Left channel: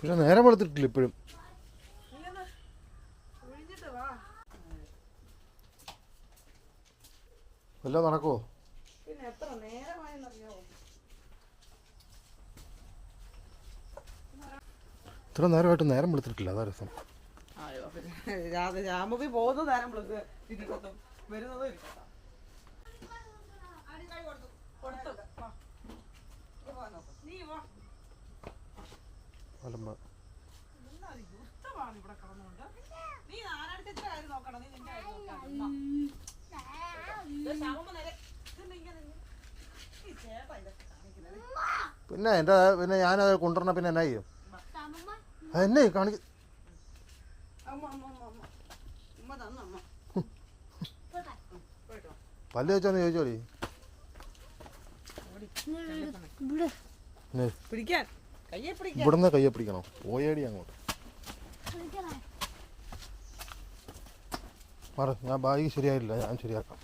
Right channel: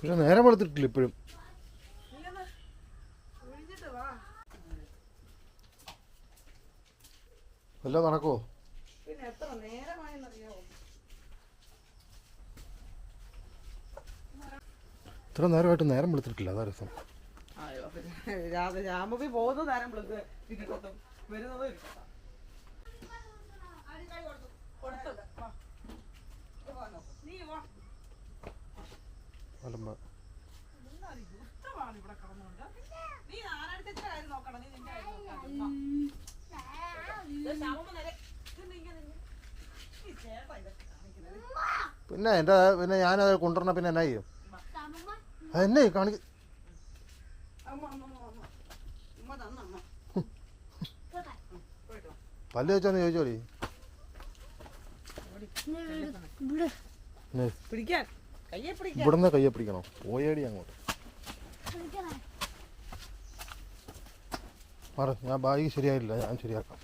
പിന്നെ നേരം വെളുത്തിട്ടില്ല ഇപ്പോഴും. വല്ലതും നടക്കുമോ? ഇത്ര നേരമായിട്ട് നേരം വെളുത്തിട്ടില്ല, അതാ രസം. അലമ്പ പിന്നെ എൻ്റെ പിന്നെ ഞാനത് കൊണ്ടുവരണ പിന്നെ എന്നാ ചെയ്യും? അതെന്നെ കാണിക്ക പല്ല് വെച്ചോന്ന് ചോദിച്ചോടി. ഇവിടുന്ന് കയ്യെ പിടിക്കണോ? പോയേടി അങ്ങോട്ട് മാറ. ഞാൻ ബാഗ് ശരിയായില്ല, ഞാൻ ശരിയാക്കാം.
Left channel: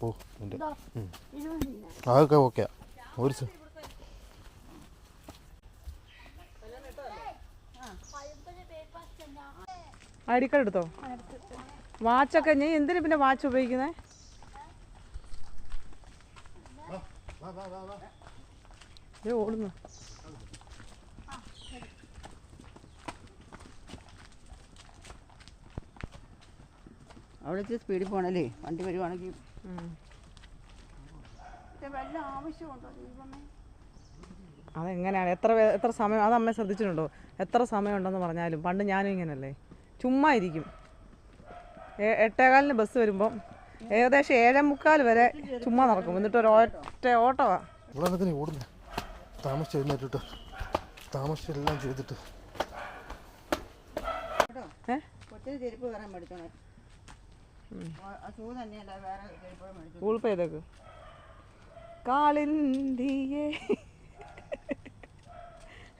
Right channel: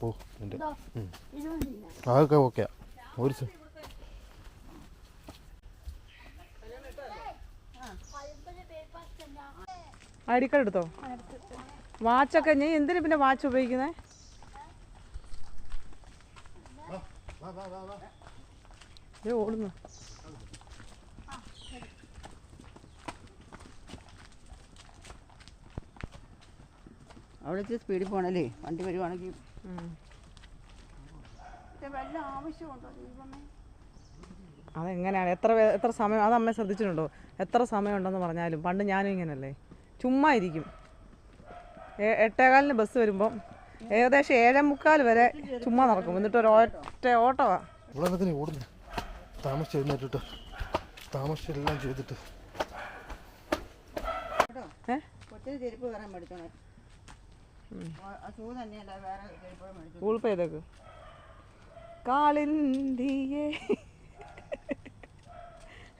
പോ എൻ്റെ അതൊക്കെ ഓക്കെയാ. ഒരു ഐ ഡി കാർഡ് എടുത്തോ? വാച്ചൊക്കെ നീ എന്തിനു പിന്നെ വാച്ച് ഉപയോഗിക്കുന്നേ? ഓടുന്നു. അവിടെ വെച്ച് സ്പീഡിൽ പോകണല്ലേ, വണ്ടി വരുവാണെങ്കിൽ. വല്ല ആവശ്യമുണ്ടോ? അതെങ്ങനെയാണ്? എത്ര സമയം അത് അമ്മ ശ്രദ്ധിച്ചിട്ടുണ്ടോ? എത്ര സമയം ഉണ്ടെന്ന് പറഞ്ഞാലും പണ്ട് ഞാനും ഇങ്ങനല്ലേ, ചുമ്മാ ഇരിക്കും. 8:15 ബസ് വരുമ്പം ഏകദേശം 7:45 വരെ ചുമ്മാ നടക്കും. എന്നിട്ട് ഒരു ഓട്ടവാ. ഓടുന്നു. താമസിച്ച് എഴുന്നേറ്റിട്ട് താമസിച്ചെല്ലാം ചെയ്തിട്ട് കൊച്ചിന് ചെരുപ്പ് വേറെ മേടിച്ചോണേ. ഗൂഗിൾ പേ ചെയ്തേക്ക്. കാളിന്തിയേ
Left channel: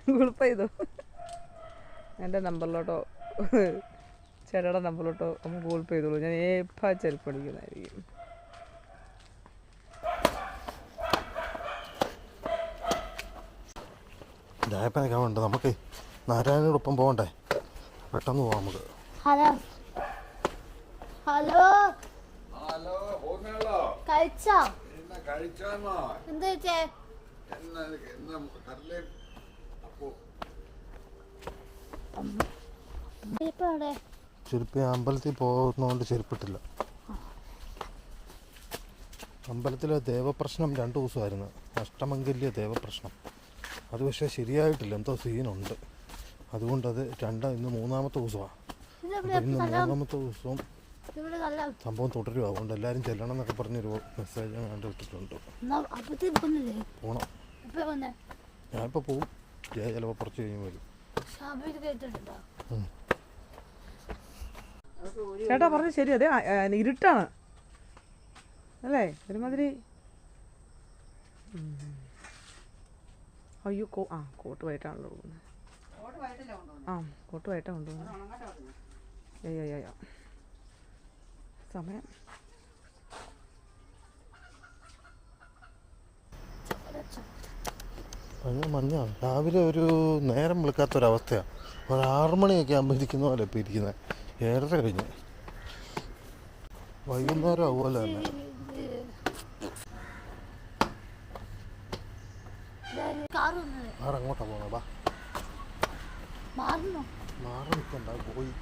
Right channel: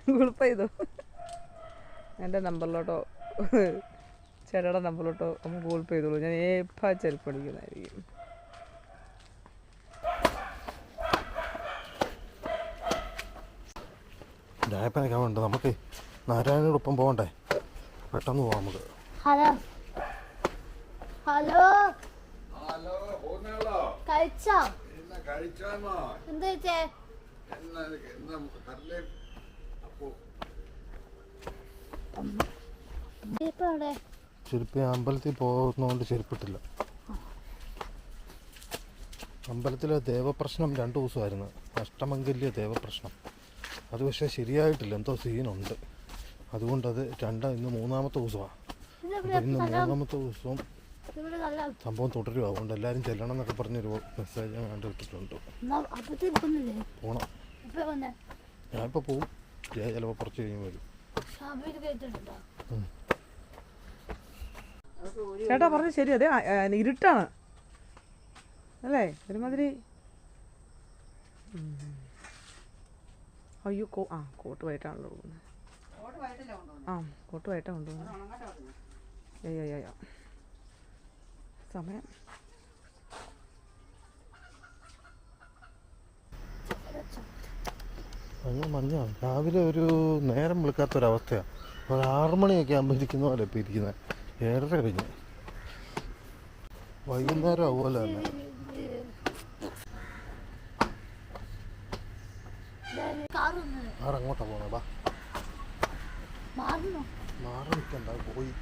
ഗൂഗിൾ പേ ചെയ്തോ? എൻ്റെ നമ്പറിലോട്ടോ ചേട്ടയുടെ നമ്പറിലോട്ടോ ഒന്ന് ഗൂഗിൾ പേ ചെയ്തോളൂ. ഞാൻ എപ്പോൾ ചെരുപ്പ് അടിക്കുന്നതായിരിക്കും. രായപ്പനൊക്കെ ഉണ്ട്. നമുക്ക് നാരായണനോടൊപ്പം പോകണ്ടേ? പെട്ടെന്ന് പോവാം നമുക്ക്. ഹലോ ഹലോ കഴിച്ചോ? എന്താ ചെരുപ്പ് അമ്പലത്തിൽ പോകുന്നതുകൊണ്ട് ചെരുപ്പിട്ടില്ല. അമ്പലത്തിലെ ദേവപ്രശ്നം 2 ദിവസമായിരുന്നു. അഷ്ടമംഗല്യ ദേവപ്രശ്നം. അത് പക്ഷേ ശരിയായിട്ടില്ല, എന്തോ സീനുണ്ട്. അതുകൊണ്ടത് ഇന്ന് 3-ാമത്തെ ദിവസമാണ്. അപ്പോൾ ഇന്ന് 3-ാമത്തെ ദിവസവും സംഭവം തുടരുക. അതുകൊണ്ട് എല്ലാവരും ചെല്ലണം എന്നൊക്കെ പറഞ്ഞൊരു മെസ്സേജ് ഞാൻ കണ്ടിട്ടിട്ടുണ്ട്. പോണം. ഞാനിപ്പോൾ പോവും. ചിലപ്പോൾ കുറച്ച് കഴിഞ്ഞ് വരും. ചേട്ടാ പറഞ്ഞത് ശരി. അതെ, ഇരുട്ടാണ് അല്ലേ? ഒരുമാതിരി. അയ്യോ കോട്ട് വൈകിട്ടാണല്ലോ പോകുന്നത്. കോട്ട് വൈകിട്ടാണ് കൊണ്ടുപോകുന്നത്. അയ്യോ സമയം. മഞ്ഞാണ്. രാവിലെ ഒരു നേരം വിളിക്കാത്തൊരവസ്ഥയാണ്. ഒരു 6 മണിയൊക്കെ ആകുമ്പോൾ ഇരിക്കുന്ന പോലെ ഇപ്പോൾ ഇരിക്കുന്നത്. 7:30 കഴിഞ്ഞു. വൈകുന്നേരം അതുപോലെ തന്നെ. ആറങ്ങോട്ടാ പോണേ? ബാ മാറി നിൽക്കണ്ട. പോയി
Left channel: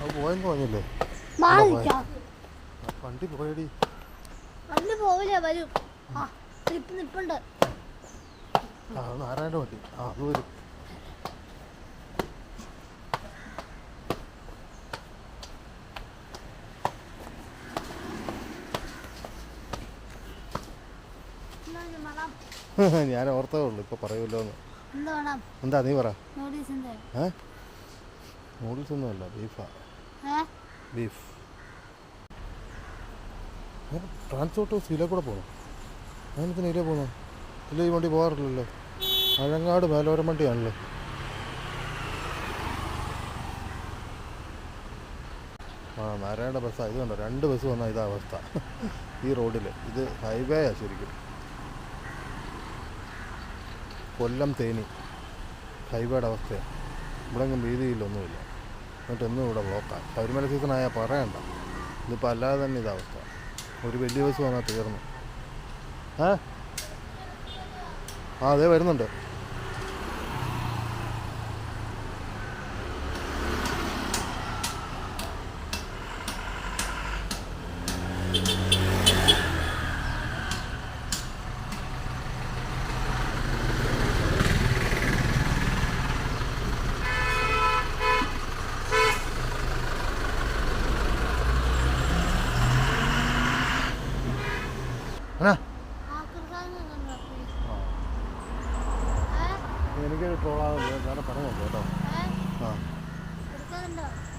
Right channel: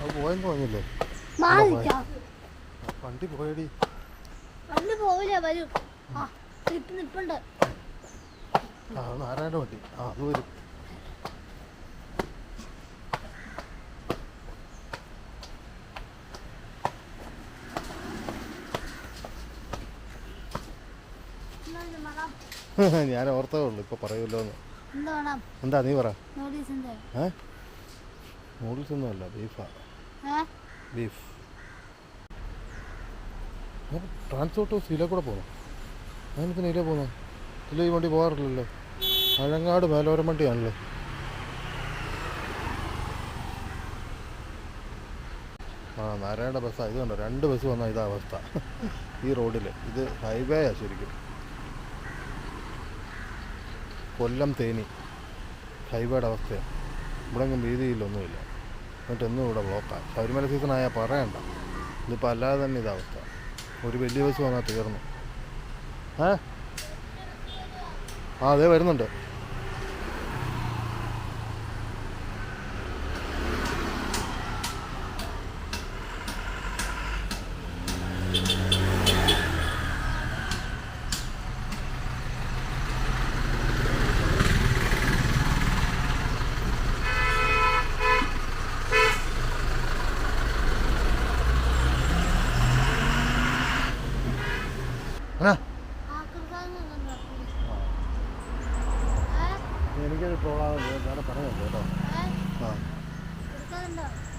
അത് പോയെന്ന് പറഞ്ഞില്ലേ? വണ്ടി പോയടി. നാരായണ വണ്ടി. അത് വരും. ഞാൻ ഓർത്തേ ഉള്ളു, ഇപ്പൊ പറയുമല്ലോ എന്ന്. എന്താ നീ പറ. നൂഡിൽസ് ഒന്നും അല്ല, ബീഫാ. ബീഫ്. ട്രാൻസ്പോർട്ട് ഇതിലെ കൂടെ പോകണം. അതിനത്തിന് ഇതിലേ പോകണം. ഇതിൽ ഈ വണ്ടി പോകാറില്ലല്ലോ. അഴങ്ങാട് മേലോരം വണ്ടിയാണല്ലോ. നാരായണ ബസ്സാണ്. ഇത് കണ്ടോ, 2 ബസ് വന്നാൽ ഇതാ അവസ്ഥ. ഈ റോഡിൽ ഇത് ഹൈവേയാണ് ശരിക്കും. കൊല്ലം തേനി ഹൈവേയുടെ അവസ്ഥയാണ്. ഇവിടെ എങ്ങും വീതിയിലൊന്നുമില്ല. എന്നിട്ട് എന്നും ഇവിടെ ബ്ലോക്കാണ്. ശബരിമല സീസണായാൽ പറയണ്ട. ഇതിപ്പോൾ അല്ലാതെ തന്നെ ഇതവസ്ഥ. ഒരു വലിയ ബസ് വന്നാൽ തീർന്നു. അതേ വരുന്നുണ്ട്. എനിക്കൊരു പ്രോബ്ലം വേറെ പറയുന്നുണ്ട് കേട്ടോ. ആ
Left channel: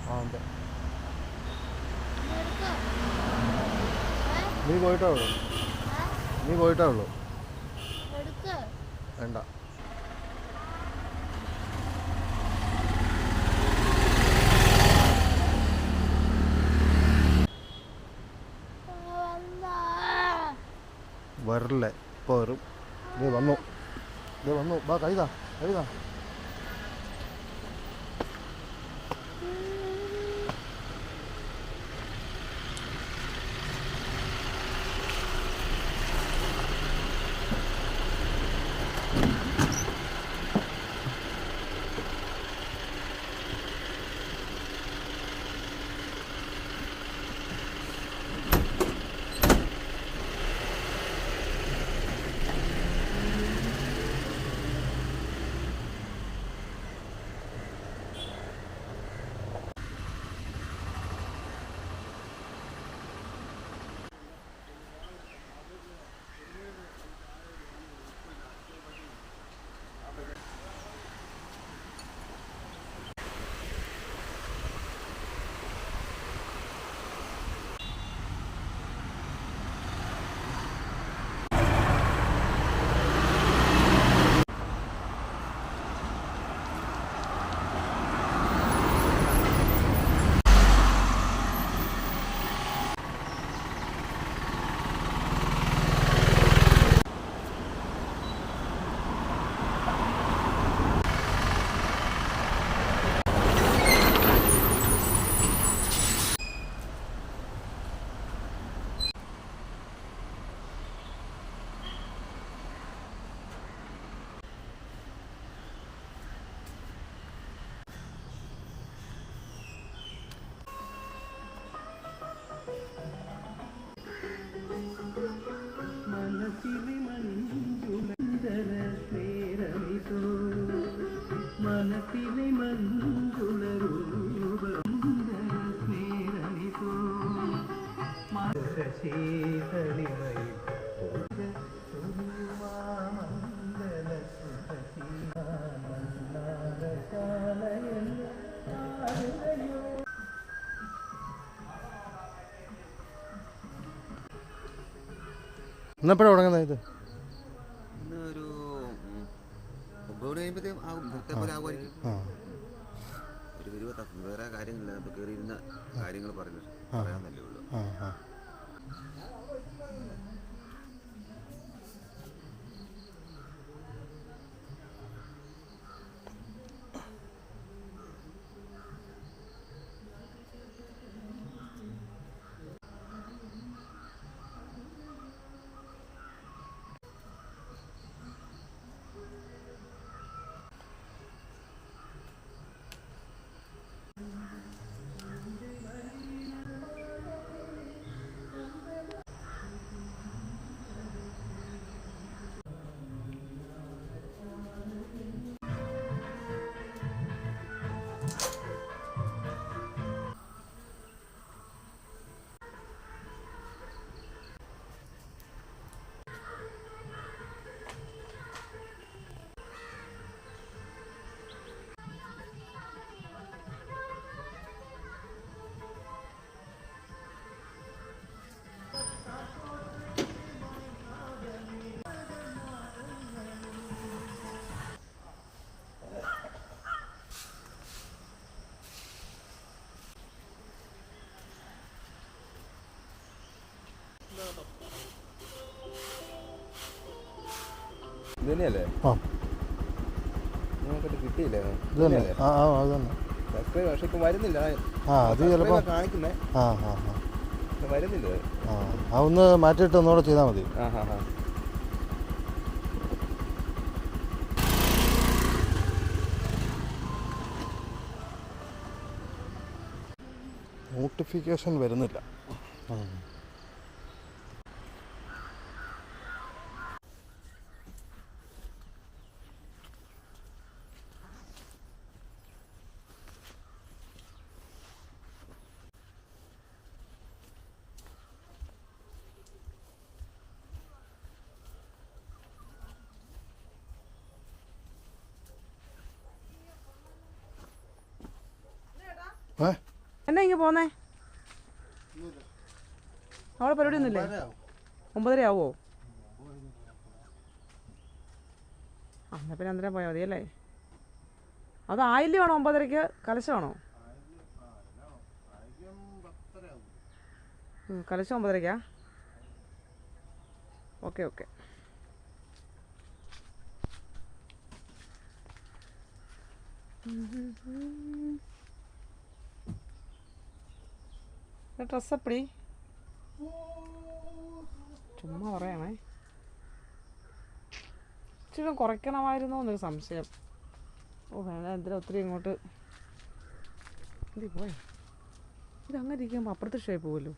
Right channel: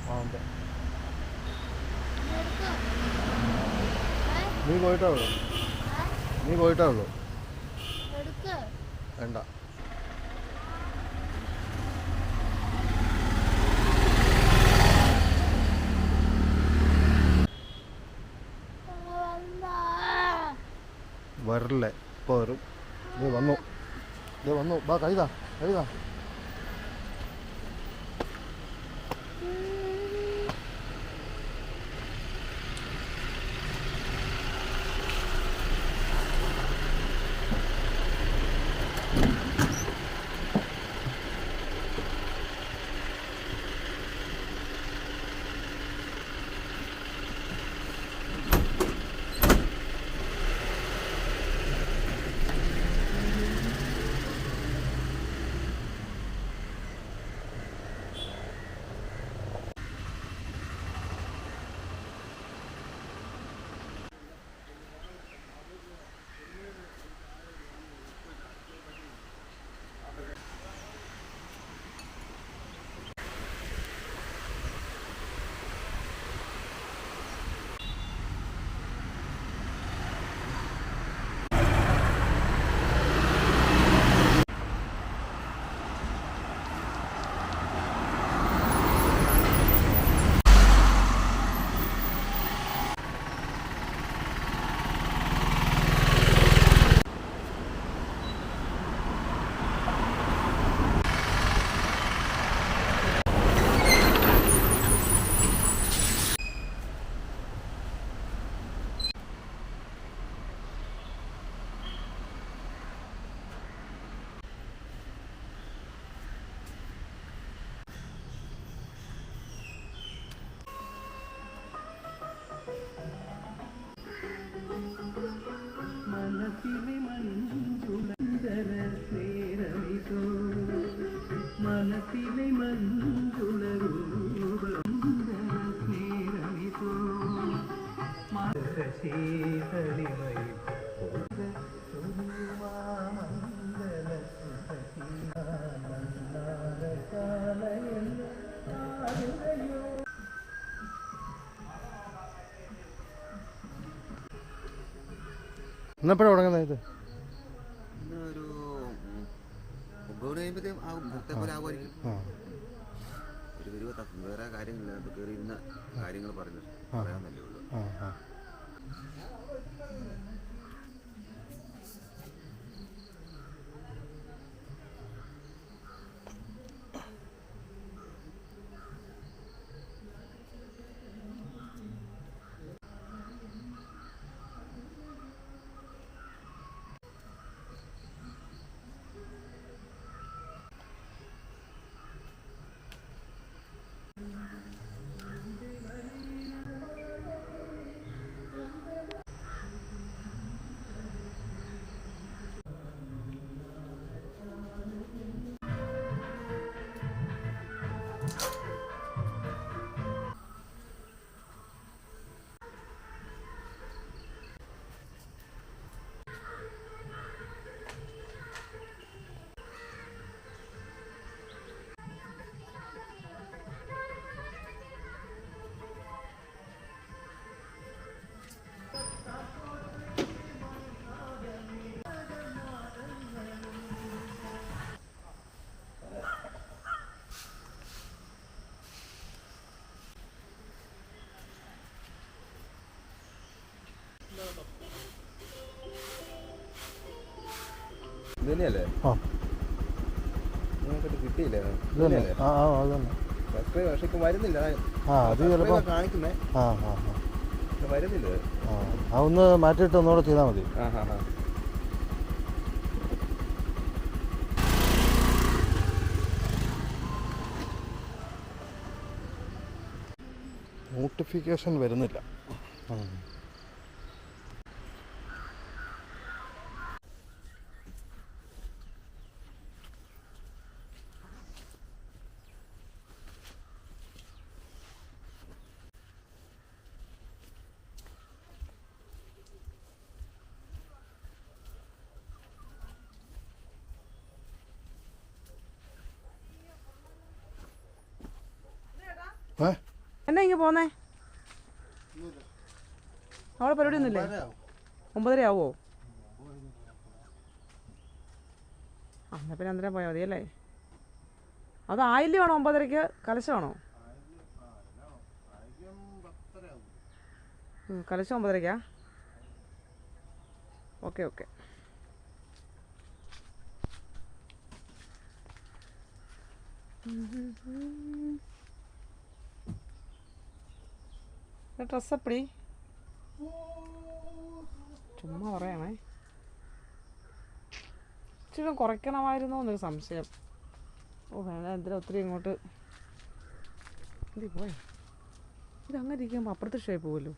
ആ ഉണ്ട്. നീ പോയിട്ടേ ഉള്ളൂ. വേണ്ട. വരല്ലേ ഇപ്പോൾ വരും. ഇത് വന്നു ബാ കഴുതാ. എന്നെപ്പോഴാണ് തുടങ്ങുന്നത് ഇത്? ഒരു 9 കഴിയുമ്പോഴത്തേക്കും ആകും. ഭക്തപ്പോലെ ആകുമായിരിക്കും. ഒരു 20 വേറെ കാര്യങ്ങളില്ല. ഇപ്പോൾ കയറിയിരുന്ന കാര്യങ്ങൾ പറയാമെന്നല്ലേ ഉള്ളൂ. ഇത് തന്നെയല്ലേ? കിട്ടിയില്ലേ ഇത് തന്നെ ആ ആ അത് തന്നെ സബ്സ്ക്രൈബ് പക്ഷെ ഇപ്പം വരുന്നില്ല ആ അത് ചിലപ്പോൾ കാണിക്കുന്നേ ആ ആ പക്ഷെ വരുന്നില്ല ആ ആ ഒന്ന് മാറ്റിയിട്ട് ഒന്നുകൂടെ ചെയ്താൽ മതി. ആ ഹാ ഹാ നോട്ടിഫിക്കേഷൻ വരുന്നില്ല. ഏ എന്നാ ഇങ്ങനെ പോന്നേ? അവിടെ പരിപാടി ഒന്നുമില്ലേ? 9:30 ആവുമോ? ആ എന്നാൽ പിന്നെ 2:30 പോയാൽ മതിയല്ലേ? അത് ആയില്യമാണോ 9:30 കലശമാണോ? കലശം 9:30? Okay okay. ഡ്രസ്സ് എപ്പടി? ചുമ്മാ പറയണേ. ഇച്ചിരി കുറയ്ക്കണമായിരുന്നോ എന്നൊരു സംശയം. ഓ വേണ്ട, എന്തിനാ ഒത്തിരി ഇങ്ങോട്ട് പോയി. ഇതങ്ങനെ ഇരിക്കുമ്പോൾ അപ്പുറത്തെ ഷേപ്പ് പോകുമല്ലോ.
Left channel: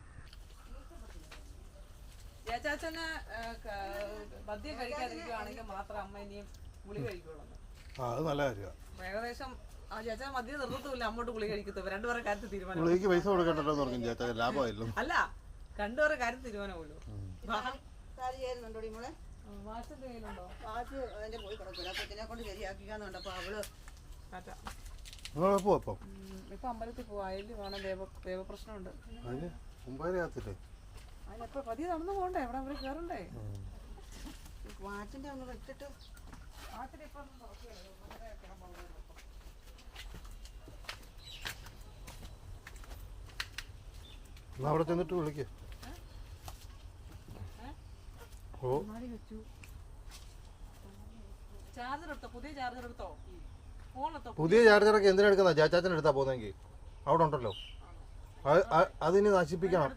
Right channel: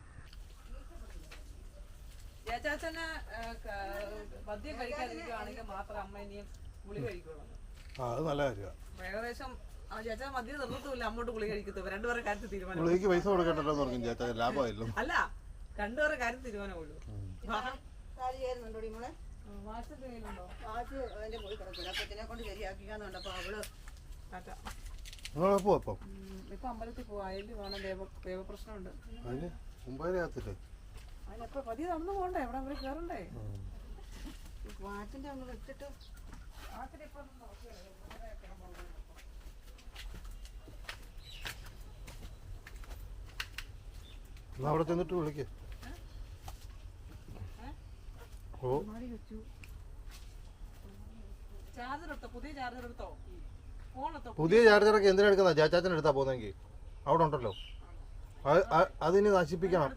മദ്യം കഴിക്കാതിരിക്കുകയാണെങ്കിൽ മാത്രം അമ്മ ഇനിയും ഗുളി കഴിക്കുള്ളൂ. അത് നല്ല കാര്യമാണ്. ഏകദേശം ചേച്ചാ മദ്യം നിർത്തത്തില്ല, അങ്ങോട്ട് ഗുളി കഴിക്കത്തില്ല. രണ്ടുപേരെ കാര്യത്തിൽ തീരുമാനം. ഗുളിക്ക് പൈസ കൊടുക്കണ്ടല്ലോ എന്ന് പറഞ്ഞു ചേച്ചാ, ലാഭമായില്ലോ. അല്ല, രണ്ടുപേരെ കാര്യം തീരുമാനമുള്ളൂ. ഇപ്പൊ അമ്പലത്തിൽ പോവാലും വേണം, ദേവപ്രശ്നമുണ്ട്. അതിന് 9:30 ആകത്തില്ലേ? അതിനെപ്പോ പതിയെ നടന്നു പോണ്ടേ? അവിടെ അവര് കേറണ്ടേ? വാറ്റിന്റെ ഒന്ന് വെച്ചിട്ട് എന്നാ അവിടെ ചെന്നിട്ട് വിളിക്ക്. ഓ പുതിയ ചാർജറൊക്കെ എന്തിനാ എടുക്കുന്ന? ചാച്ചാച്ചൻ എടുത്താ പോകുന്നെങ്കിൽ അവിടെ ഉണ്ടല്ലോ. അതിന് നശിപ്പിക്കണം.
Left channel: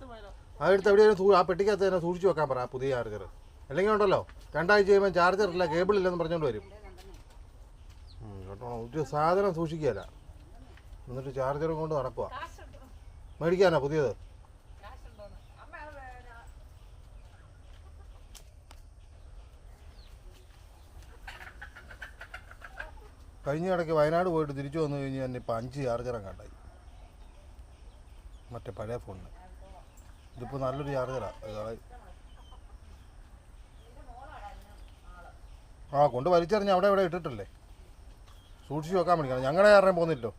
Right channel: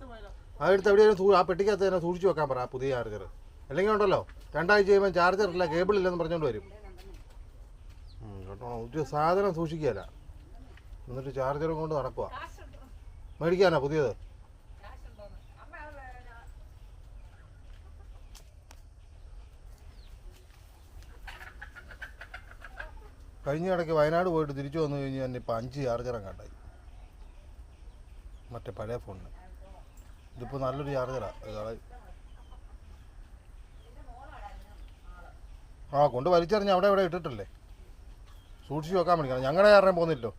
അതെടുത്ത് എവിടെയാലും ആ പെട്ടിക്കകത്ത് തന്നെ സൂക്ഷിച്ച് വെക്കാൻ പറ പുതിയ ചാർജർ. അല്ലെങ്കിൽ ഉണ്ടല്ലോ 2 ആഴ്ച കഴിയുമ്പോൾ ചാർജർ ഇല്ല, കേബിൾ ഇല്ലെന്ന് പറഞ്ഞുകൊണ്ട് വരും. കേട്ടോ, ഒരു സാധനം സൂക്ഷിക്കുകയല്ല, എന്നിട്ട് ചാർജറും കൊണ്ട് നടക്കുക. മേടിക്കാനാ പുതിയത്? കഴിഞ്ഞ ഇടയ്ക്ക് വയനാട് പോയിട്ട് തിരിച്ചു വന്നു കഴിഞ്ഞാൽ തന്നെ ഇപ്പം 5 ചാർജറും കണ്ടായി, മറ്റേ പഴയ ഫോണിന്. ഇതിപ്പോൾ നല്ലൊരു ചാർജറാണ്. ആ കൊണ്ട് വലിച്ചെറിഞ്ഞ് അവിടെ ഇവിടെ ഇട്ടിട്ടല്ലേ, സൂക്ഷിച്ച് വെക്കാൻ പഠിക്കണം. ഞങ്ങളുടെ കാരണം പോകുന്നില്ലോ.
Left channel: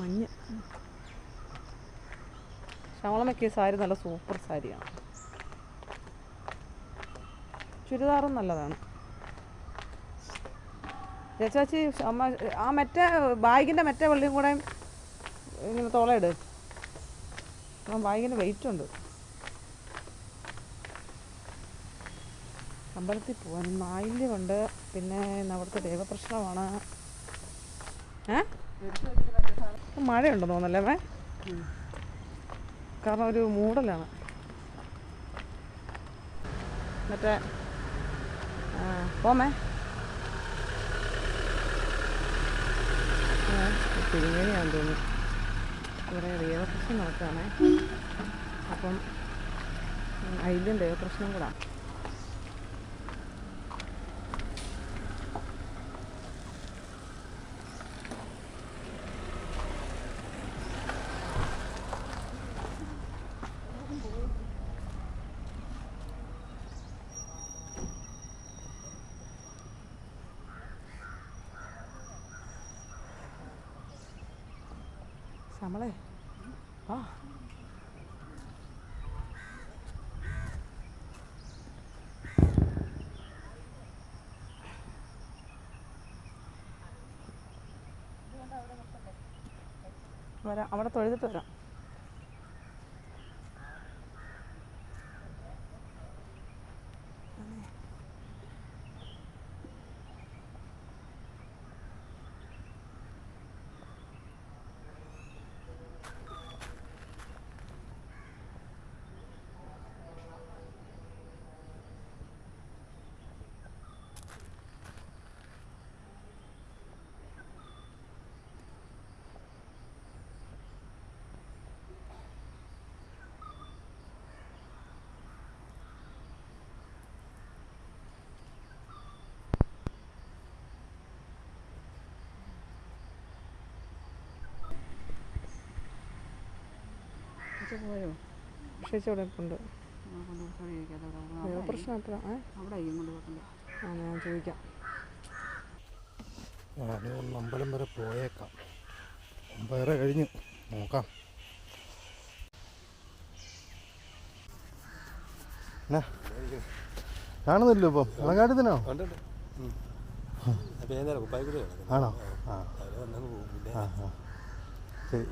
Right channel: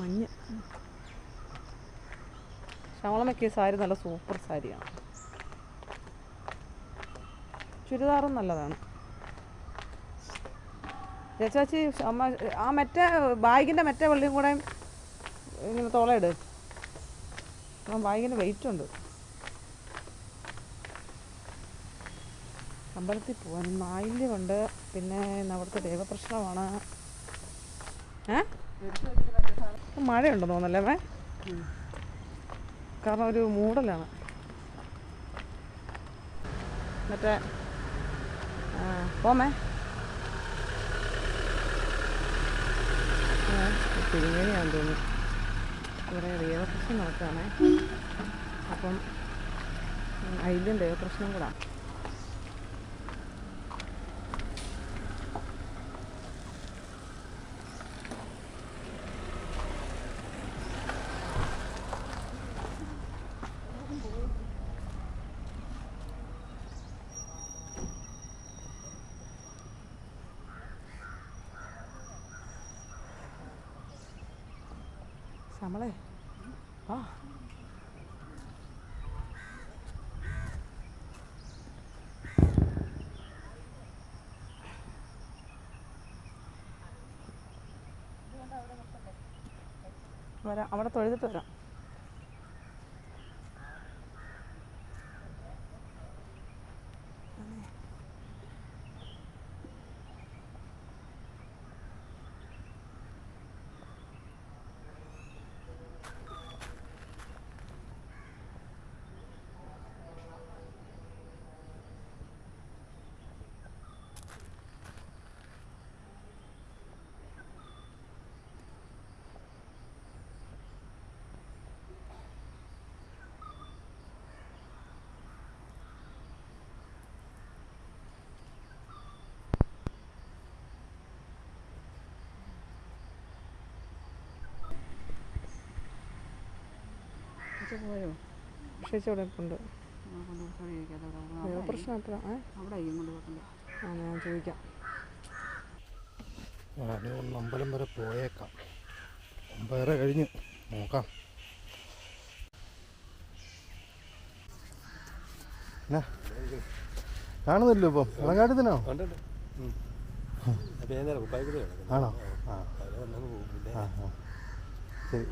മഞ്ഞ ശവളമൊക്കെ സാരി നല്ല സൂപ്പർ സാരിയാണ്. ചുരിദാറും നല്ലതാണ്. ചേച്ചാച്ചി അമ്മ ആ മറ്റേ ബാഗിൻ്റെ മറ്റേ വെള്ളിയും കൂടെ ഇങ്ങനെ തോളയിട്. ആ ബാഗിന് വെയിറ്റ് ഉണ്ട്. അമ്പലത്തിൽ പോകാൻ നായില്യമുണ്ട്. പിന്നെ അവിടുത്തെ ദേവപ്രശ്നമാണ്. മഴയുണ്ടെന്ന് തോന്നല്ലേ മേ? കാരണം ഒരു മൂടലാണ്. മറ്റേ പോമേ തിരുമേനിയാണെന്ന് തോന്നുന്നു. ഇവിടെ ദേവപ്രശ്നം നടക്കുകയാണേ. അപ്പം അതിലും ദേവപ്രശ്നം കൂടാ. നമ്മളെ ആ വരാം, അവിടെ തൊഴുതിട്ട് വരാം. പോയോ? പക്ഷേ ഇവിടെ ഉണ്ട്. പ്രശ്നം എപ്പോഴാണ്? അവിടെ കൊണ്ട് വെക്കണ്ടേ? ആ, ഞാൻ ചോദിക്കാം. ഞാനും അമ്പലം വരെ പോയേക്കാം. 9:30 കഴിഞ്ഞു, നോക്കാം. കാണുന്നില്ലോ ഇപ്പം മലകാട്ടത്തിനോ? ആണോ? ശരി.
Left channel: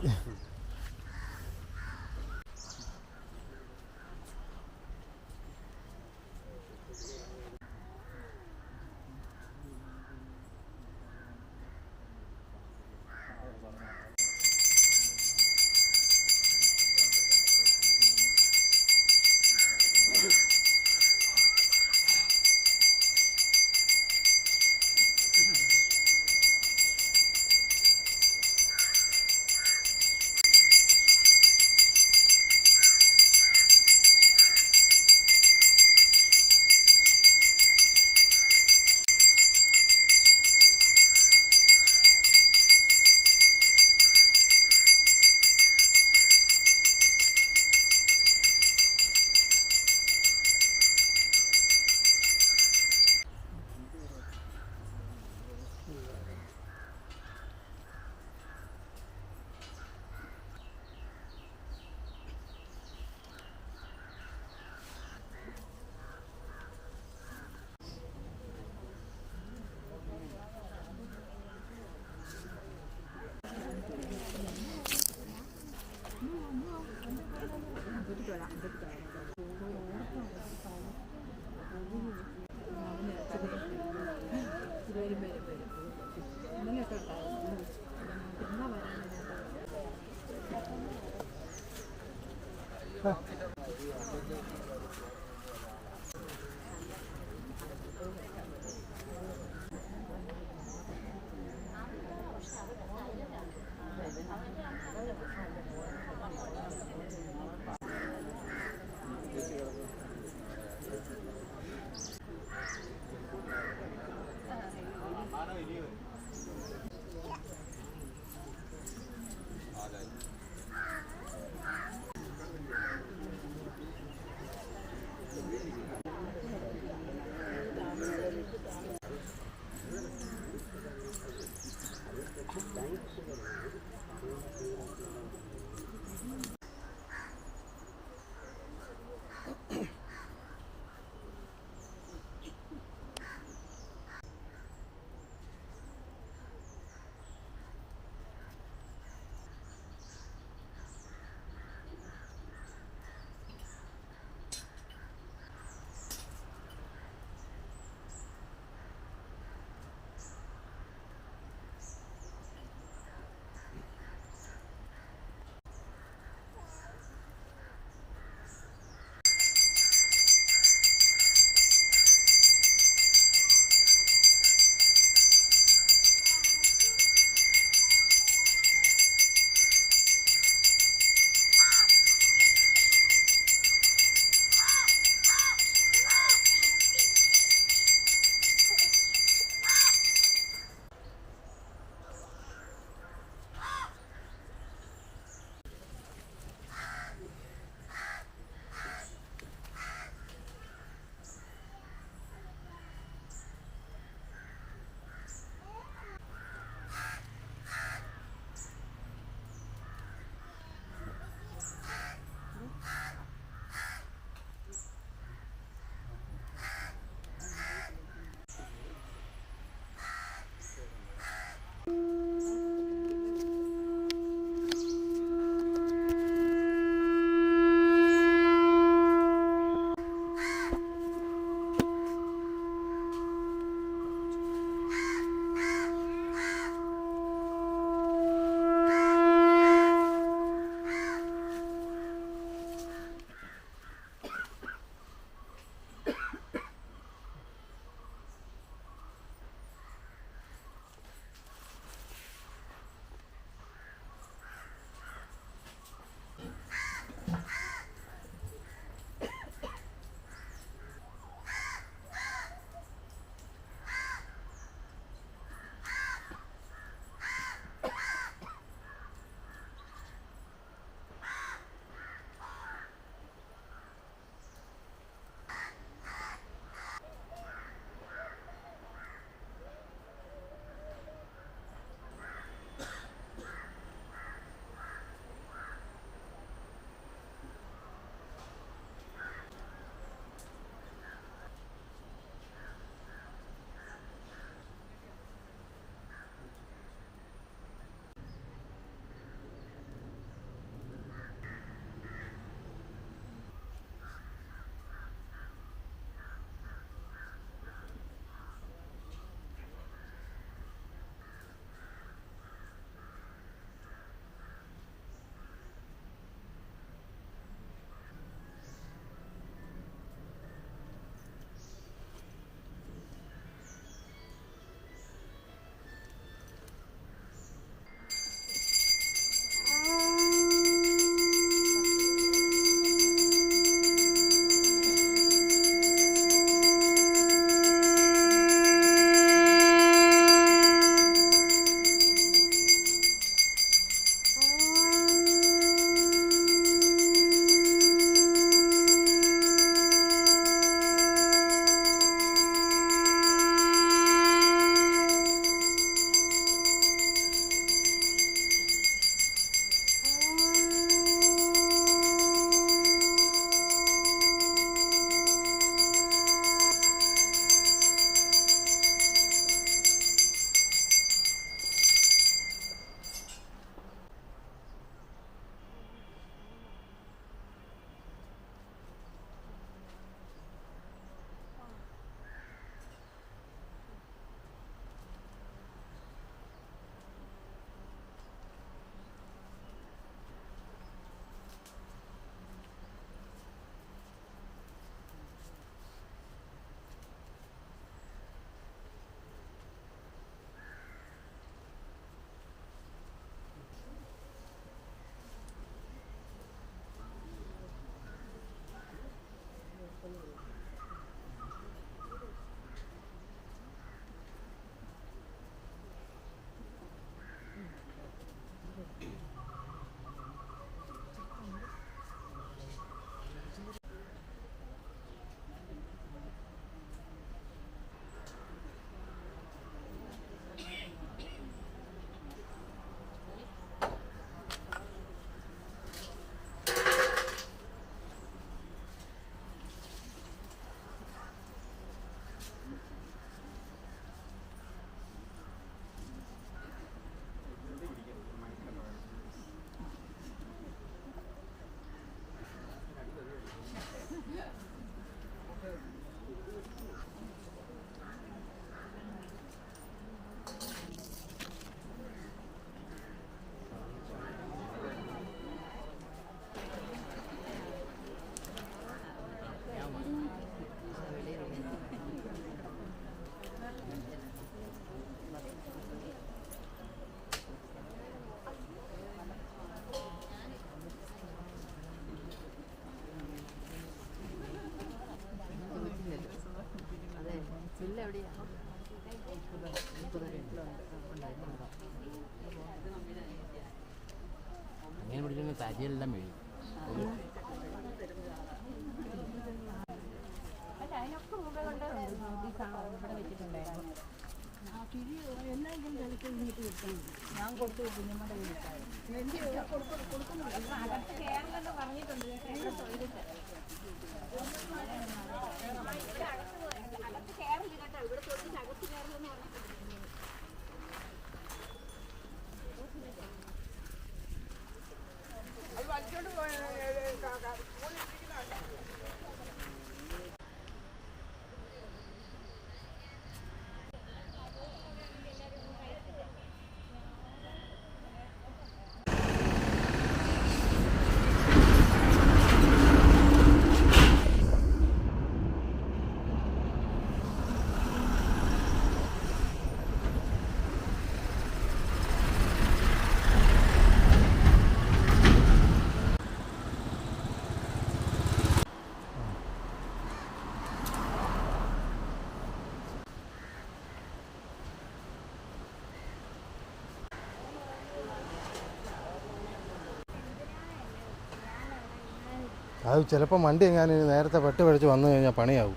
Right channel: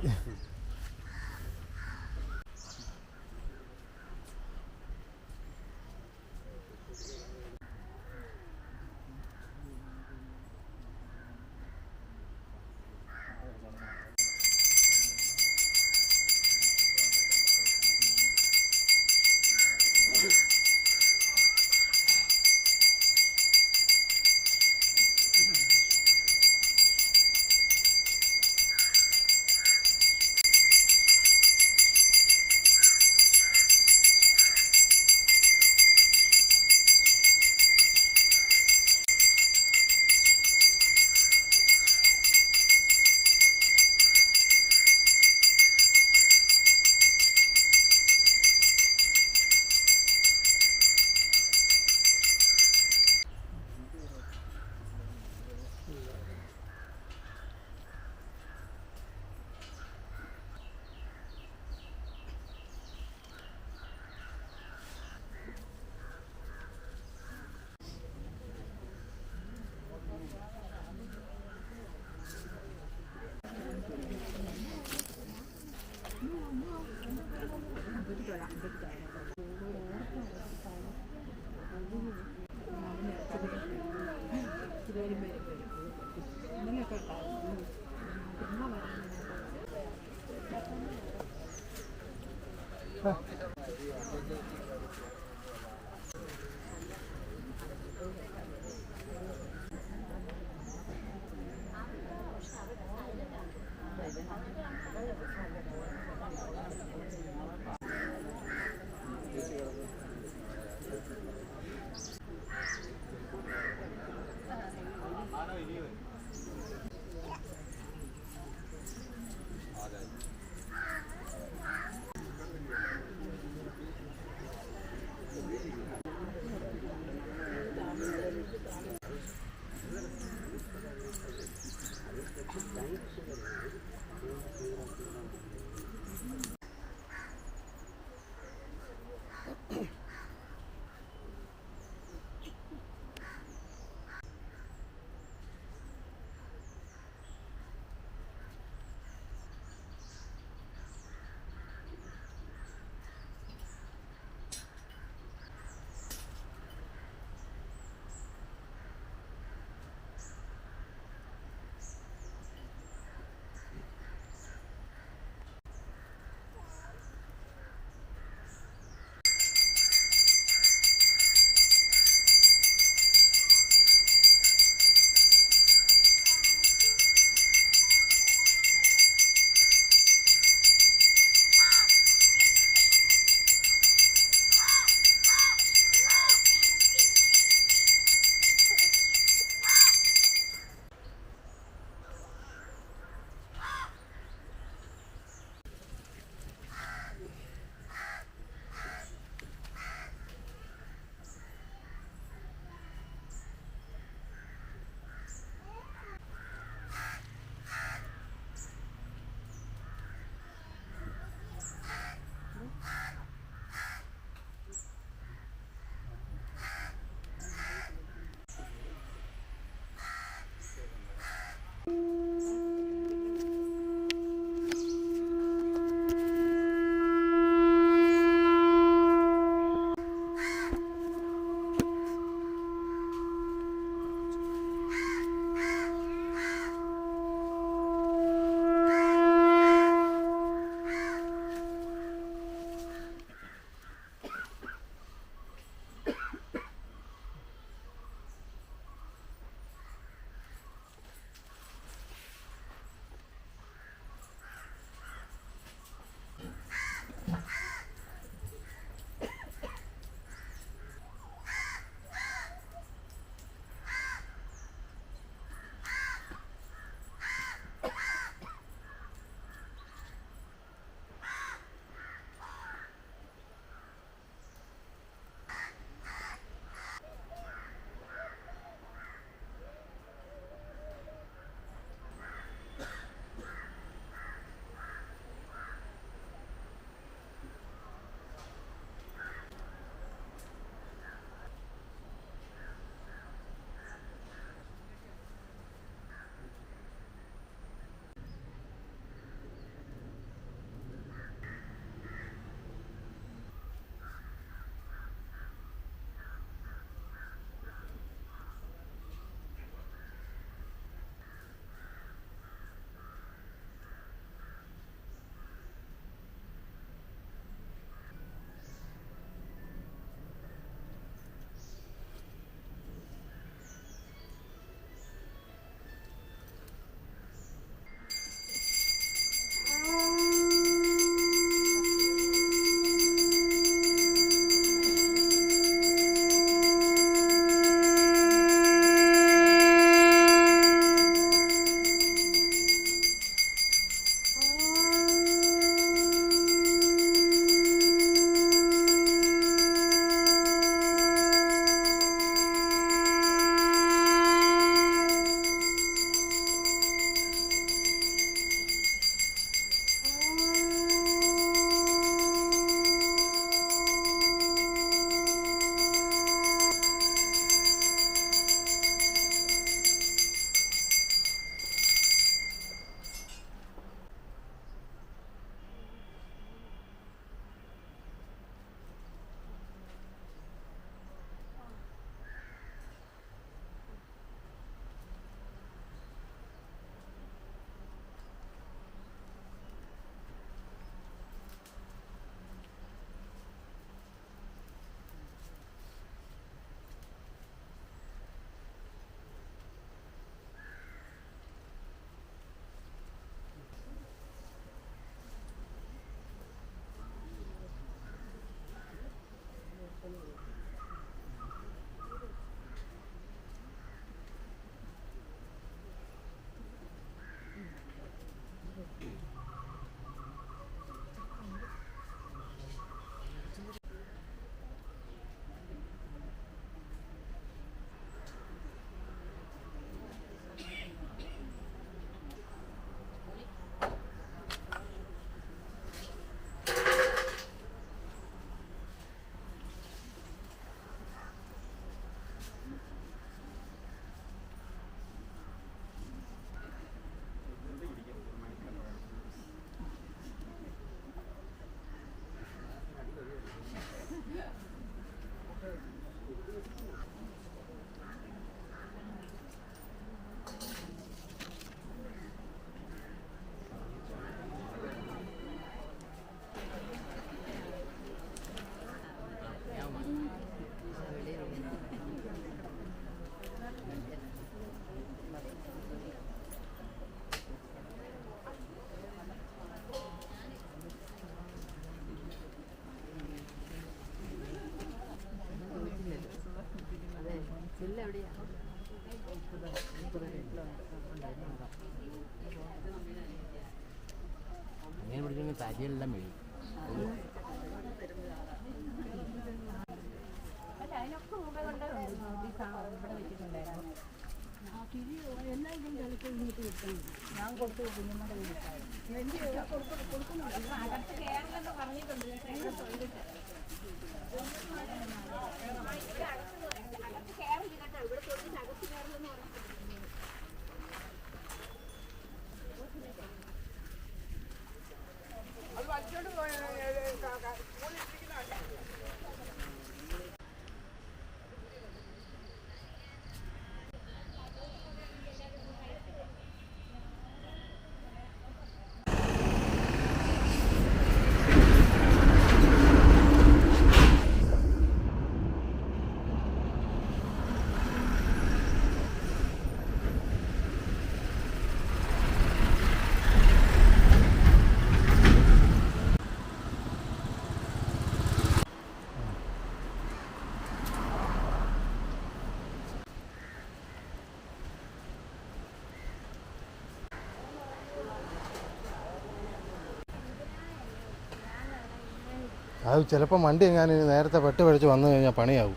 അത് ചിലപ്പോൾ വണ്ടി എങ്ങാനും നേരത്തെ പെട്ട് പിടിച്ച് വന്നു കഴിഞ്ഞാൽ പണിയാവും.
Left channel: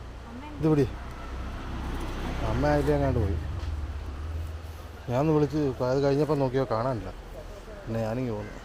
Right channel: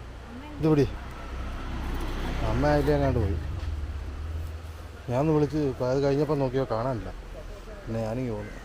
ഇതുപിടി അമ്മ അതിലേ എങ്ങാണ്ട് പോയി. ഞാൻ വിളിച്ച് അത് കഴിഞ്ഞപ്പോൾ നോക്കിയോ കാണാനില്ല. പിന്നെ ഞാനിങ്ങ് പോന്നു.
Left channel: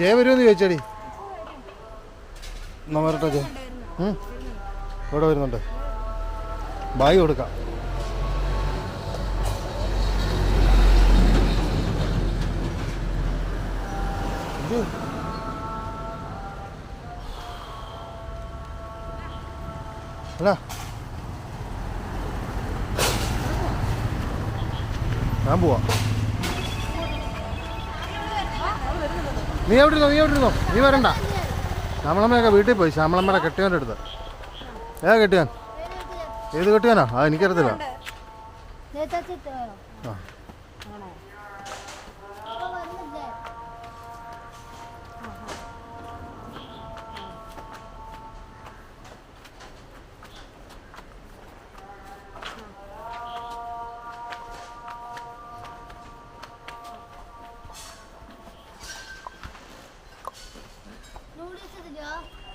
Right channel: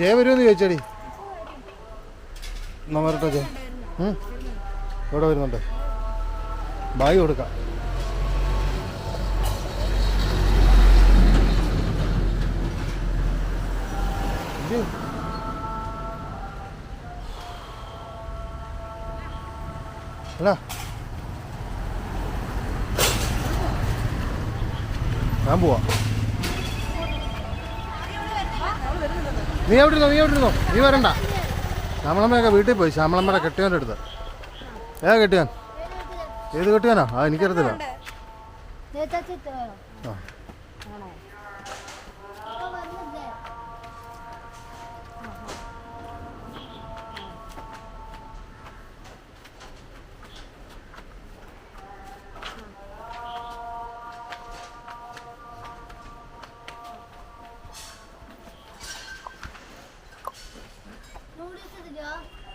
ജയ വരുമെന്ന് ചോദിച്ചടി. എന്നാ വരട്ടെ ജയ. ഇവിടെ വരുന്നുണ്ട്. ബാഗ് കൊടുക്കാം. ഇത് അല്ല ഞാൻ പോവാ. നീ എവിടെ ഇരുന്നോ നീ വരണ്ട. ശ്യാമളമ്മയൊക്കെ വീട്ടിൽ പോയി. ശ്യാമളമ്മയുടെ കെട്ടിയവൻ്റെ അടുത്ത്. ഏതാ കെട്ടിയാൻ? ഏത് കെട്ടിയാനാ? ആ എനിക്കറിയത്തില്ല. ആ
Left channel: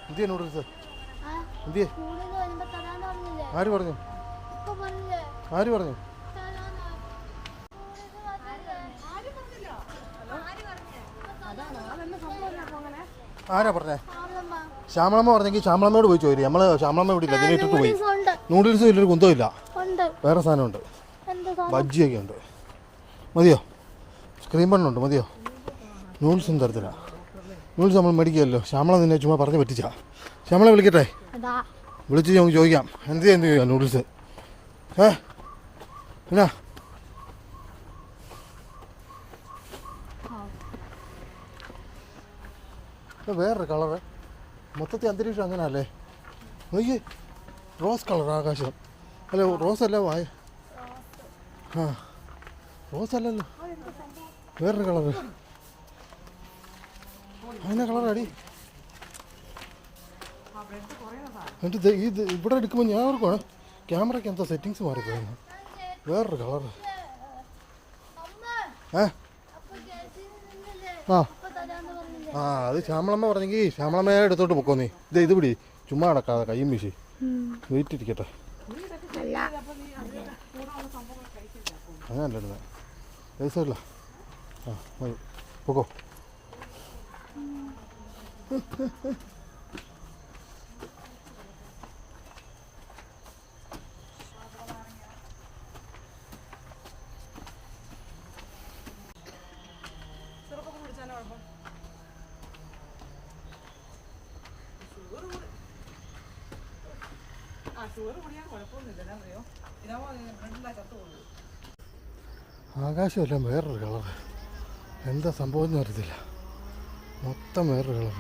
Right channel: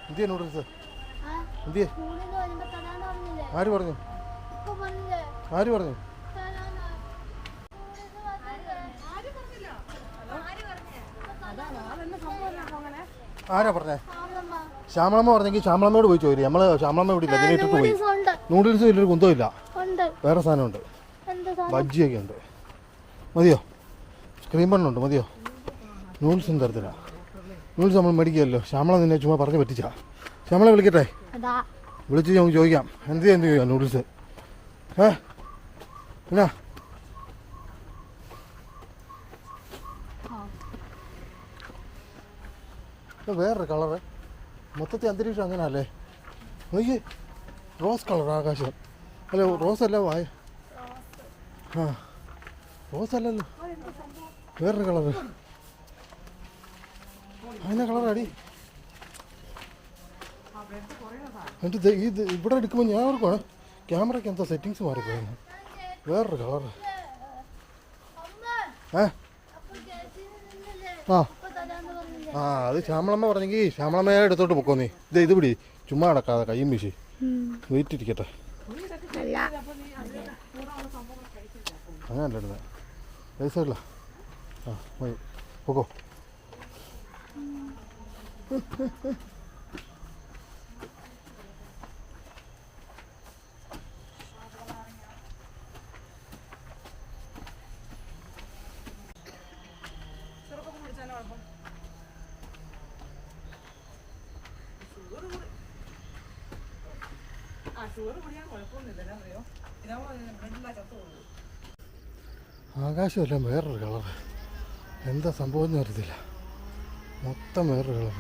എന്തിയാ നൂഡിൽസ്? എന്തിയേ? ആര് പറഞ്ഞു? ആര് പറഞ്ഞു? ആരാ പറഞ്ഞേ? ശ്യാമളമ്മ പറഞ്ഞെങ്കിൽ ശ്യാമളമ്മയോട് പോയി ചോദിച്ചു. നമ്മള് ശ്യാമളമ്മ ഇവിടെ ഇല്ല. ഇതിലിട്ടിട്ട് പോയി. നൂഡിൽസ് ഇല്ലൊരു കുന്തവും ഇല്ല. വേറെ സാധനമുണ്ട്. ബജ്ജിയൊക്കെ ഉണ്ട്. മതിയോ? സ്ക്രീൻ ബണ്ണുണ്ട്. മതിയോ? നൂഡിൽസ് ഒന്നും തരത്തില്ല. നൂഡിൽസ് നമ്മൾ മേടിക്കുമല്ലോ. ശ്യാമള നിന്നെ ചുമ്മാ പറഞ്ഞ് പറ്റിച്ചാ. ശ്യാമളെ വിളിക്കട്ടെ? വിളിച്ച് നമുക്ക് ചോദിക്കാം. എന്ത് ചെയ്യാം നൂഡിൽസ്? എന്നാ വേറൊരു കളറ്. മൊത്തത്തിൽ അന്തരീക്ഷം അങ്ങനെ അല്ലേ? നോക്കിയേ, റോസ് കളർ ആകാശം. അല്ല റോസ് അല്ല വായ. ആ റോസ് അല്ലല്ലോ, വേറൊരു കളറ്. അങ്ങനെ കളറാടി. എന്നിട്ട് ഇത് ഇവിടെ എടുക്കുമ്പോൾ ഞാൻ ഓർക്കുവാണ് ക്യാമറയ്ക്ക് എന്താ സെറ്റിങ്സ് മാറിപ്പോയെന്ന്. വേറൊരു കളറ്. ആ ആ അത് ശ്യാമളമ്മ പറഞ്ഞെങ്കിൽ ശ്യാമളമ്മയെ എടുത്തോട്ട് പൊക്കോ നീ. ഇത് പിടി, ചുമ്മാ നടക്കാതെ കയ്യും വീശി. വെയിറ്റ് ഇരിക്കട്ടെ. അങ്ങനല്ല ഇടുന്നത്. പൈസയില്ല. ആ മതി, പൊക്കോ. ആകാശമെല്ലാം വേറൊരു കളർ. എന്താ സംഭവം എന്ന് അറിയത്തില്ല. മൊത്തം വേറൊരു കളർ.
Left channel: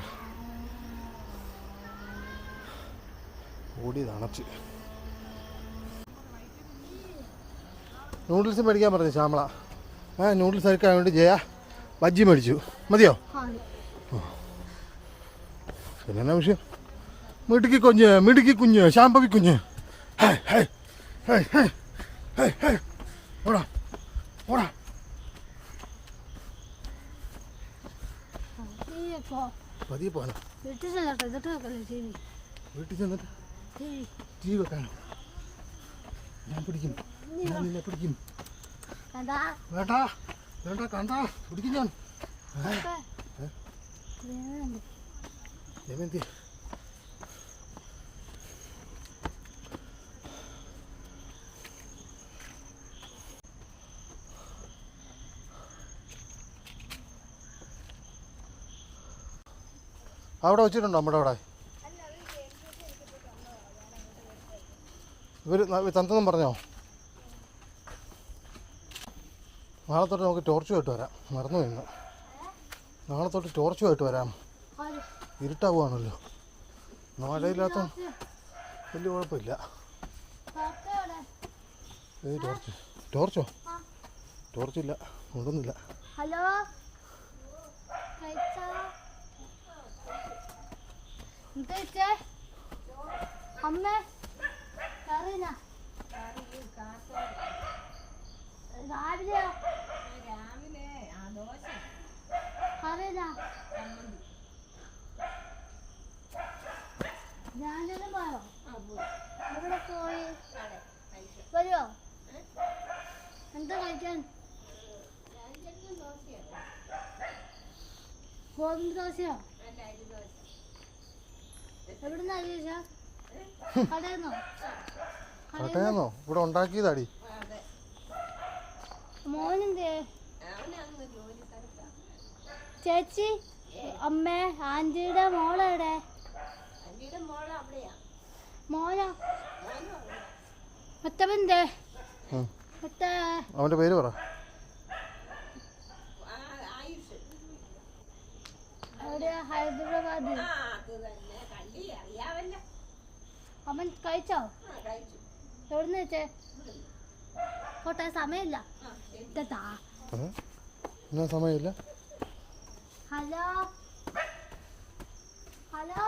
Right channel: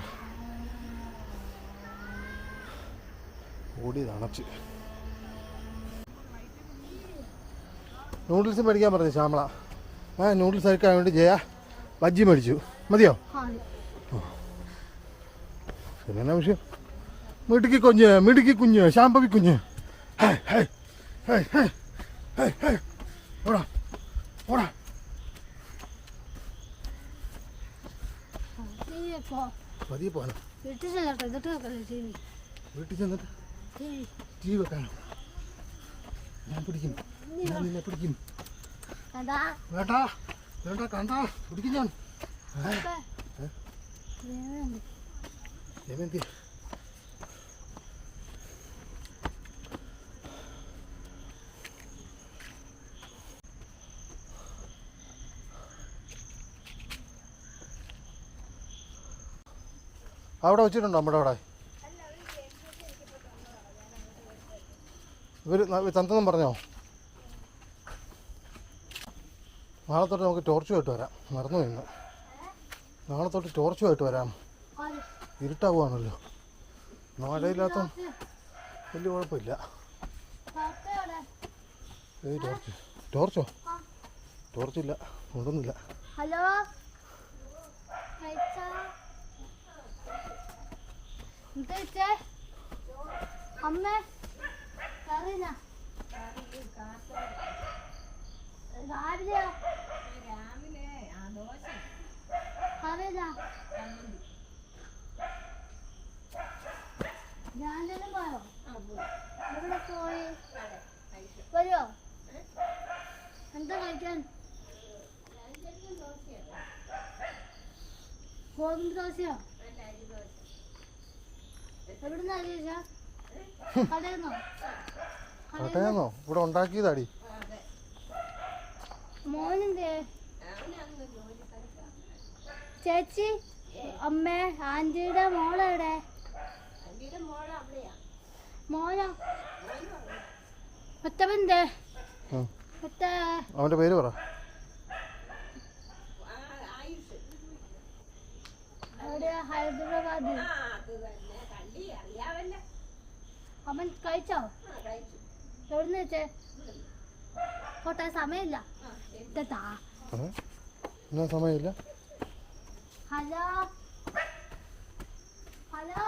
ഓടി തണച്ച്. നൂഡിൽസ് മേടിക്കാൻ പറഞ്ഞു ശ്യാമള. നൂഡിൽസ് കഴിക്കാൻ വേണ്ടി ജയ ബജ്ജി മേടിച്ചു. മതിയോ? പിന്നെ വിഷയം മിടുക്കി കുഞ്ഞ് ശാമ്പവി കുഞ്ഞ്. ഓടാ ഓടാ. പതിയെ പോകാനോ? വീട്ടിൽ ചെന്നിട്ട് ടി വി വെക്കാനോ? ഞാൻ പിടിക്കും. ഞാൻ നിന്നെ പിടിക്കും. വേണ്ട വേണ്ട കണ്ട പിടിക്കും ഞാൻ. ജമന്തി അവിടെ വെച്ചിട്ടുണ്ടോ? നമ്മുടെ അവിടെ ഇവർ തന്നെന്നും പറഞ്ഞോ? നാളെ തൊട്ട് നമുക്ക് ടോർച്ചുമായിട്ട് വരാം. മറന്നു ഇന്ന്. നാളെ തൊട്ട് ടോർച്ചുമായിട്ട് വരാം. ഇരുട്ടാവുകയാണല്ലോ. മഴയില്ലാത്ത വലിയ കുഴപ്പമില്ല. ടോർച്ചോ? ടോർച്ചില്ല, കൊണ്ടൊന്നുമില്ല. ഹലോ അമ്മ രാവിലെയോ? ഞാനെല്ലാം പോയോ? എവിടെ പോയി? വരുമോ? എന്താ കഴിക്കാൻ? ഗോതമ്പ് ദോശയോ? എവിടുന്നാ ചോദിച്ചാ? കടയെന്നോ? കടയെന്നോ? ഇവിടെ ഉണ്ടാക്കിയതാടി. മോനെന്തേ? ചേച്ചി അമ്മ ആന്റിയുടെ മോളെവിടെ? മോനോ? മറ്റവന്റെ അവന്റെ പേര് പറ. എവിടെയാ? ഹൈദരാബാദ്. അവൻ കഴിച്ചോ? എവിടുന്ന് വെച്ചേ? പോട്ടെ, സമയമില്ല. എന്നാ സമയമില്ല? ഹലോ ഹലോ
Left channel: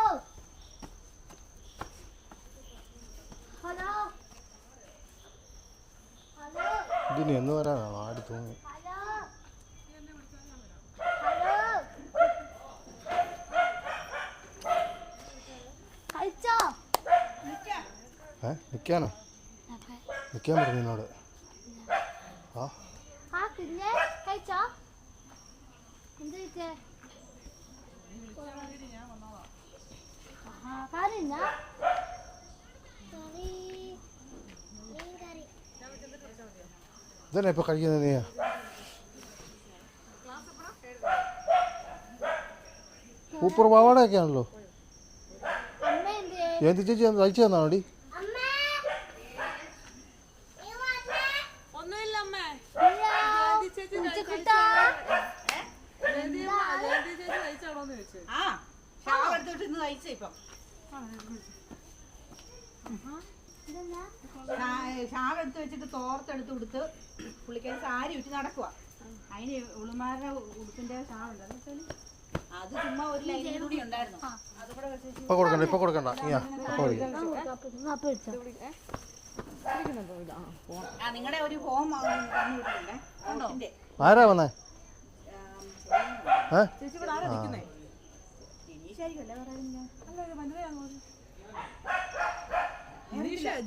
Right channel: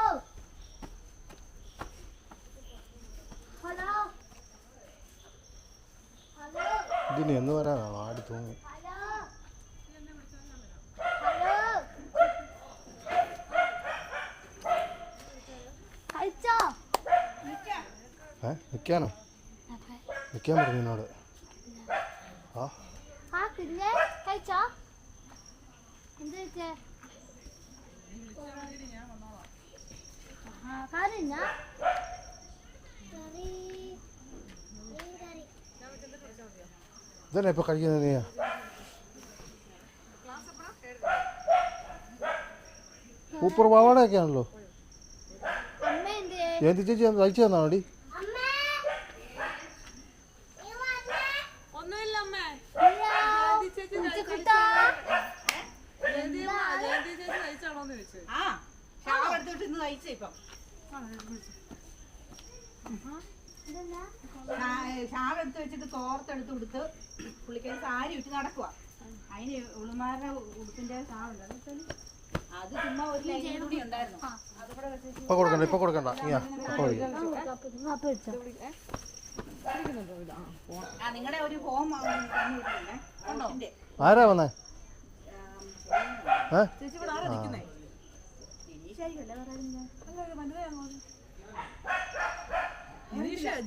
ഹലോ ഹലോ ഇതിന് എന്ന് വരാനാണോ? ആടി തൂങ്ങി. ഹലോ ഹലോ കഴിച്ചോ? നിൽക്കാനോ? നിൽക്കാൻ പറഞ്ഞു എന്നോട്. പിന്നെ കഴിച്ചോ? എന്താ കറിഞ്ഞ ഇതന്നെ ഇപ്പൊ കഴിക്കുന്നത് നീ? സൂപ്പർ പാവാടയൊക്കെ ആണല്ലോ. ജയന്തി ചേച്ചി തയ്ച്ചു തന്നാണോടി? ഷാൾ എടുത്ത് വെച്ചിട്ട് തോർത്തെടുത്ത് കൊടുത്ത് പുള്ളിക്കാരി സാരി ഇട്ട് നടക്കുക. അതിന് ഉളുമാരുടെ ഉടുപ്പിന്റെ ഷാളുണ്ട്. അത് ചുമ്മാ ഒരു ലൈൻ കൂടി ഉണ്ടായിരുന്നു. ഇപ്പൊ കൊടുക്കണ്ട, ഇപ്പൊ കൊടുക്കണ്ട. നിങ്ങളുടെ ഒരു ഫോം തന്നിട്ടില്ലേ? ആരാ വന്നേ?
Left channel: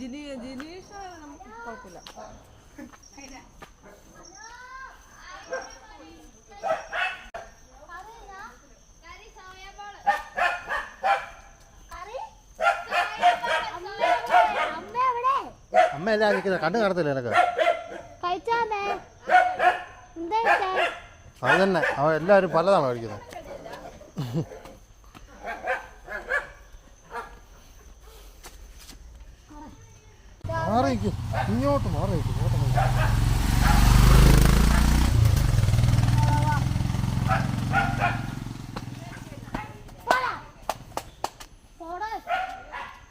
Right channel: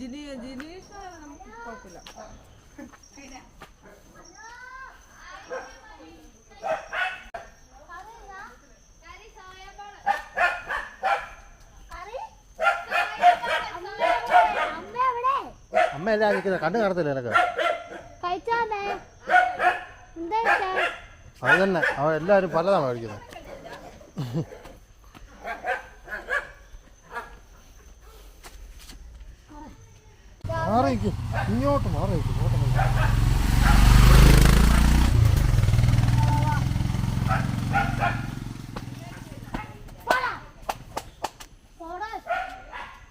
ജിനീഷ് കുഴപ്പമില്ല. അമ്മ എല്ലാം നിൽക്കുന്ന കണ്ണു കാണത്തില്ല എനക്ക്. അത് തന്നെ, അവൻ എല്ലാവരും പലതാണ് കഴിക്കുന്നത്. മാറിയിരിക്കും, ഇങ്ങോട്ട് മാറിയിരിക്കും, ഇങ്ങോട്ട് മാറി.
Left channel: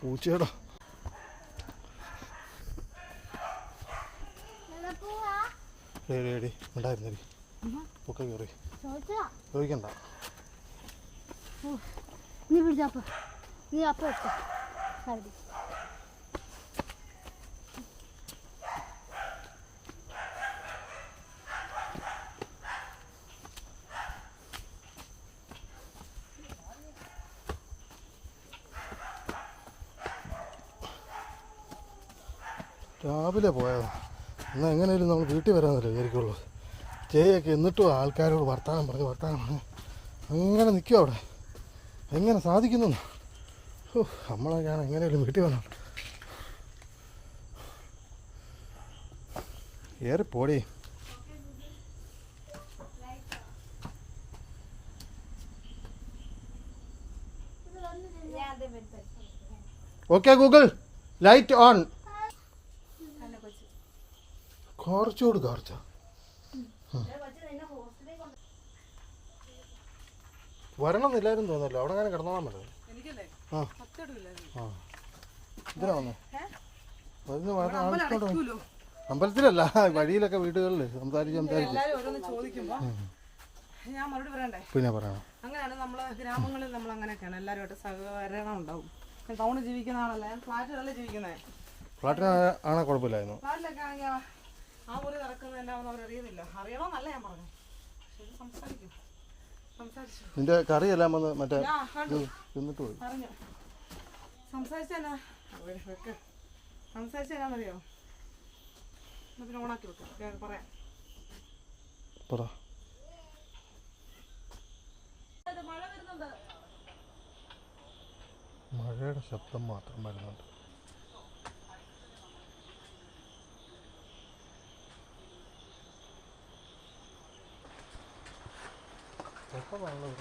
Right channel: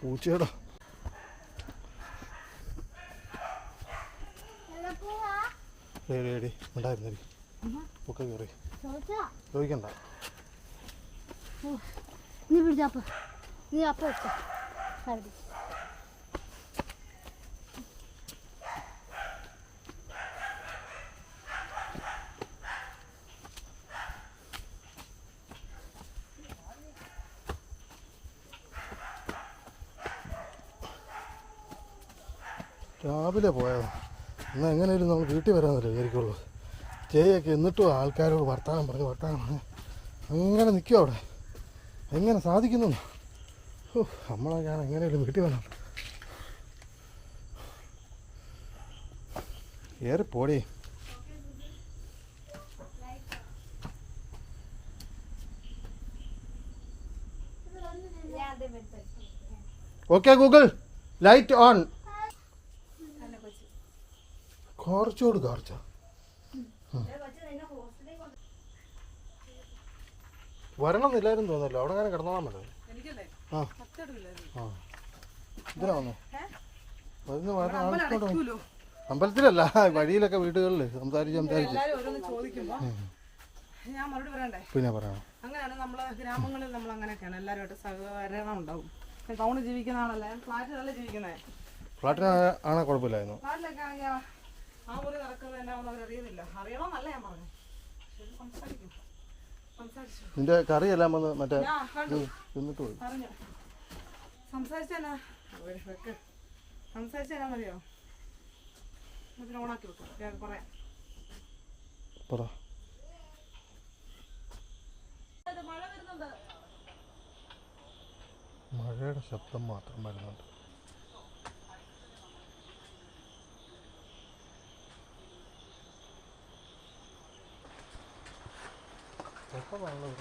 പൂച്ചയുടെ റേഡി ഉണ്ടായിരുന്നേ പൊക്കെ കയറി ചോദിക്കണ്ട. നീ പിടിച്ചപ്പ നീ അപ്പ രാവിലെ പോയതാണ്. എന്നാൽ എങ്ങനെയാലും നമ്മൾ വീട്ടിൽ വരാമെന്നല്ലേ വിചാരിക്കുള്ളൂ. ചേയൊക്കെ എന്നിട്ടും ആൾക്കാരോട് വർത്തമാനം പറഞ്ഞ് അങ്ങനെ നിൽക്കും അവിടെ. എങ്ങനെ സാധിക്കുന്നു? നമ്മളൊക്കെയാണ് എങ്ങനെയാലും വീട്ടിൽ വരണം. ഏറെ പോടേ. Okay Google light on. കുറച്ചുകൂടി കാർച്ച വരണമെന്നില്ലായിരുന്നു തോന്നല്ലോ. അവിടെ അങ്ങനെ കിടന്നോളാൻ പറ്റേ. ആ ആ ഇതിനാ വന്നോ? അമ്പലത്തിലല്ല, വഴിയിലൊക്കെ വീടുകളിൽ സംസാരിച്ച് ഞാൻ മറുപടി പറയണ്ടേ? പിന്നെ പറയണം. അങ്ങനെയാണ് നമ്മള് ഗ്രാമങ്ങളിൽ നമ്മൾ അങ്ങനെയൊക്കെയാണ്, എല്ലാവരുമായിട്ട് സഹകരണം ഉണ്ടാവും. ടൗണിൽ ജീവിക്കുന്ന ആളല്ലേ, ഫ്ലാറ്റിലല്ലേ ജീവിക്കുന്നേ. ഫ്ലാറ്റിനാണെ കുഴപ്പമില്ലായിരുന്നു. ഫ്ലാറ്റിലൊക്കെ ആണെങ്കിൽ ആ മുറി നടക്കുന്നത് എന്താണെന്ന് അവരറിയുന്നില്ല. അറിയണമെന്നല്ല ഞാൻ പറഞ്ഞു. സംസാരിക്കും, സംസാരിച്ചു. നിന്റെ കറിയെല്ലാം വന്ന് മറ്റേ തിന്നിട്ട് പോയി. പറഞ്ഞു സംസാരിച്ചെന്നാ സംസാരിച്ചെന്നാന്നറിയോ? അതിന് ഓണാക്കി വെക്കാം പറയാം. പറ. മഴയുടെ ശബ്ദം മാത്രം വരുന്നുണ്ട്. എപ്പോൾ വെള്ളം